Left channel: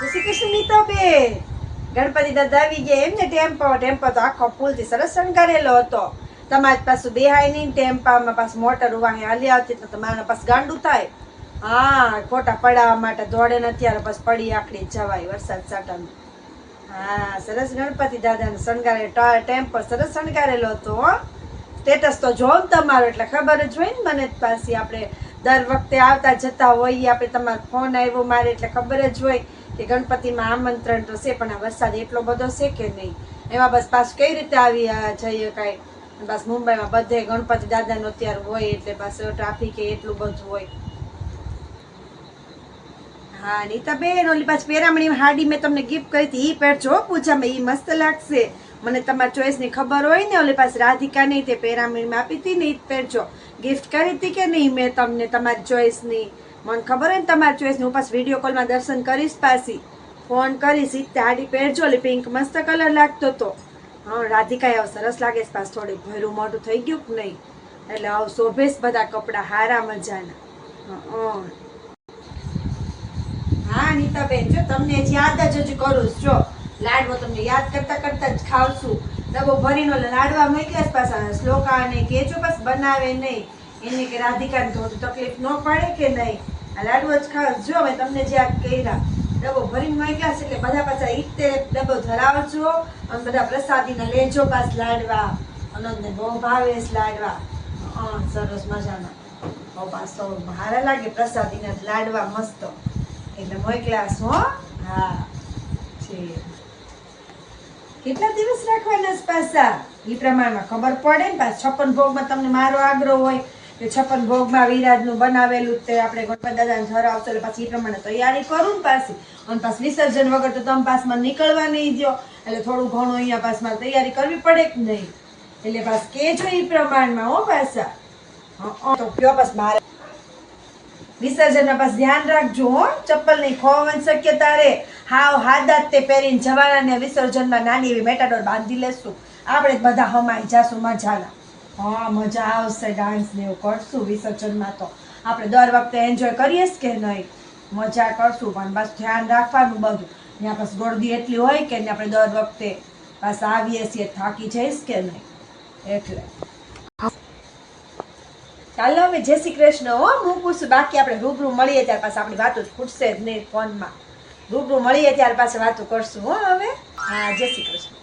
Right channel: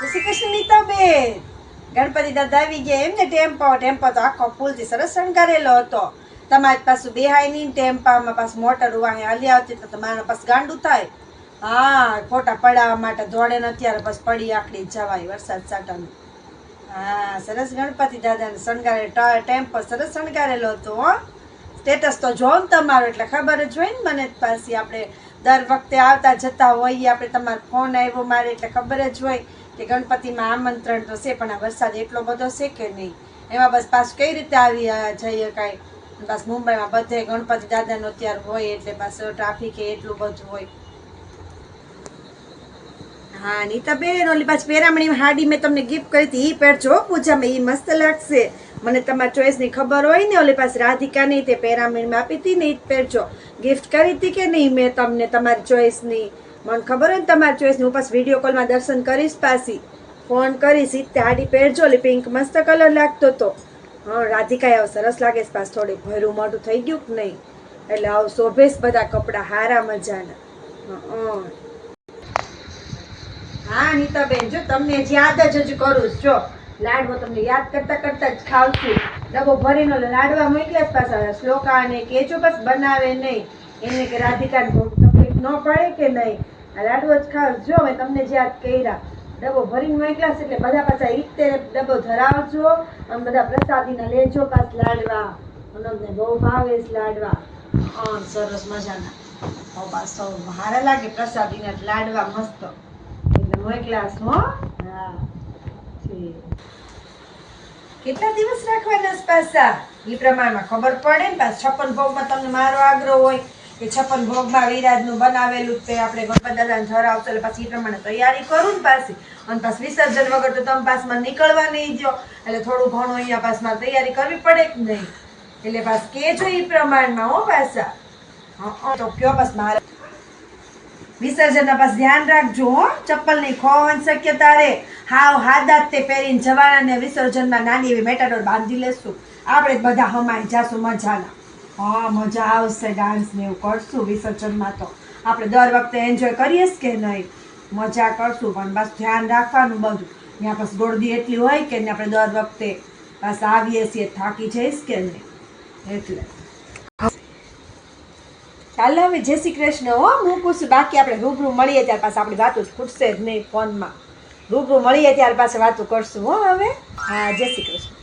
જય શ્રી કૃષ્ણ નીતાબેન. ગણપતિ દાદા આવી ગયા એમ ને? ટેમ્પો તો આખો ફૂલથી સરસ શણગારેલો હતો. તમારી પાછું બેહાય નહીં ટેમ્પામાં પાછું મોટર વાહે હાલી આવતી તો તમારે પાછું ગાંડું થાય. હા, ફોટા પડાવવા માટે દોડે ને અત્યારે પછી પડી આકડી જવાય વરસાદ સાટાનું. હા, સરસ ગણપતિ દાદાને શણગારે ટેમ્પો સરસ શણગારેલો હતો. હો, સ્ટેટસ તો જોઉં ને તમારું એટલે ખબર જ હોય ને મને. પાછી આપણે દર વખતે આવતા જતા હોઈએ, આપણે તમારો ફોન આવ્યો મારે એટલે ખબર જ હોય કે ગણપતિમાં આમંત્રણ તો છે, પણ આ વરસાદ એટલો બધો છે કે નહીં. એમાં બસ પાછું કઈ રીતે આવી જઈએ કાંઈ. બસ મુંબઈમાં બધે ગણપતિ દાદાનો અત્યારે હોય એટલે પાછું ટ્રાફિક એટલું બધું હોય. હા નીતાબેન, ઓલી પાછી પેરામણી હાડી મેં તમને ગિફ્ટ કરી હતી, એ પહેરજો પૂજામાં, એ મસ્ત લાગશે. મને તમારી ચોઈસની ખબર હોય ને, ઓલી પાછી રાધિકાની તે પેરામણીમાં આપી હતી ને, એ જ પહેરજો. ગિફ્ટ કરી હતી કે નહીં મેં તમને તમારી ચોઈસની? મને ખબર હોય ને તમારી ચોઈસની. હું પાછી વિડીયો કોલમાં દર્શન કરીશ, પાછી ફોન કરીશ. તે હાડી પહેરજો, ઓલી પિંક મસ્ત કલર લાગતો હતો. હા, રાધિકા આવ સરસ લાગે છે. પાછું થોડીક ભયરું મોઢું થઈ ગયું કે નહીં, એટલે આવ શોભેશ બધા કપડા હારા મજાના. હા નીતાબેન, જો તમને યાદ જ કરું જો લાડવો તમને યાદ કરતા કરતા જ ખાવશું. ડબ્બો ભરીને લાડવા મોકલ્યા જ પાછા શ્લોકાને કેજો બસ બનાવે નહીં, એને કે રાધિકાને તો તકલીફ ન પડે કે નહીં. આ લાડવો જ ખાવ જો મેં તમને જ યાદ કર્યા. ડબ્બો ભરીને મોકલ્યા છે એટલે બધા પાછા ઈતે ડબ્બો ધરાવજો અને બધા પ્રસાદીના લેજો પાછ લાડવા. અનંતને બહુ ભાવે છે લાડવા. સરસ મજાના પાછો હારા લાગે પ્રસાદીના લાડવા મસ્ત એટલે મોકલાસ. હો હા, કેટલા દિવસ રાખવાના પાછા એ પ્રમાણમાં ખબર પડે ને. પાછા 56 ભોગમાં તમને મારો આગ્રહ હોય કે 56 ભોગમાં વિરાજનું બનાવેલું તે આપણે ગણપતિ દાદાને ધરાવતો, એટલે પાછી એ પ્રમાણે તૈયારી કરું ને પાછી. અને પાછું વિસર્જન વગર તો તમે પાસમાં નીકળવા નહીં દો, એટલે થોડું ઘણું અહીંયા પાસમાં તૈયારી કરવી પડે કે નહીં. એટલે પાછું કેજો એ પ્રમાણમાં. હો પાછા તો કયો બસ મારે વિસર્જનના પાસ ધ્યાન રાખજો. હો, ચપ્પલ નહીં ખોવાની શક્યતા રે. હાવ હાદા તે પહેરીને જવાના ને વિસર્જનમાં નાની એવી મેટાડોર બાંધી લેશું. આપણે જ બધા હમાઈ જાશું મજાના. હા, મજા આવશે. ડાન્સ ને એવું કરશું વિસર્જનમાં. તો આપણે દર વખતે એન્જોય કરીએ જ કે નહીં, મજા કરશું. પણ બસ ધ્યાન રાખવાનું બધું. ત્યાં પછી ગોળદી એટલી હોય કે આપણે દર વખતે બસ આવીએ છીએ થાકી જઈશ કે નહીં, એટલે ચાલો હવે જય શ્રી કૃષ્ણ. હો, હું પૂછું બાકી આપણે રૂબરૂ મળીએ ત્યાર પાછા આપણી વાતો ખૂટશે જ નહીં ફોનમાં. રૂબરૂ મળીએ ત્યાર પાછા વાતો કરશું. હો હવે. હા, જય શ્રી કૃષ્ણ.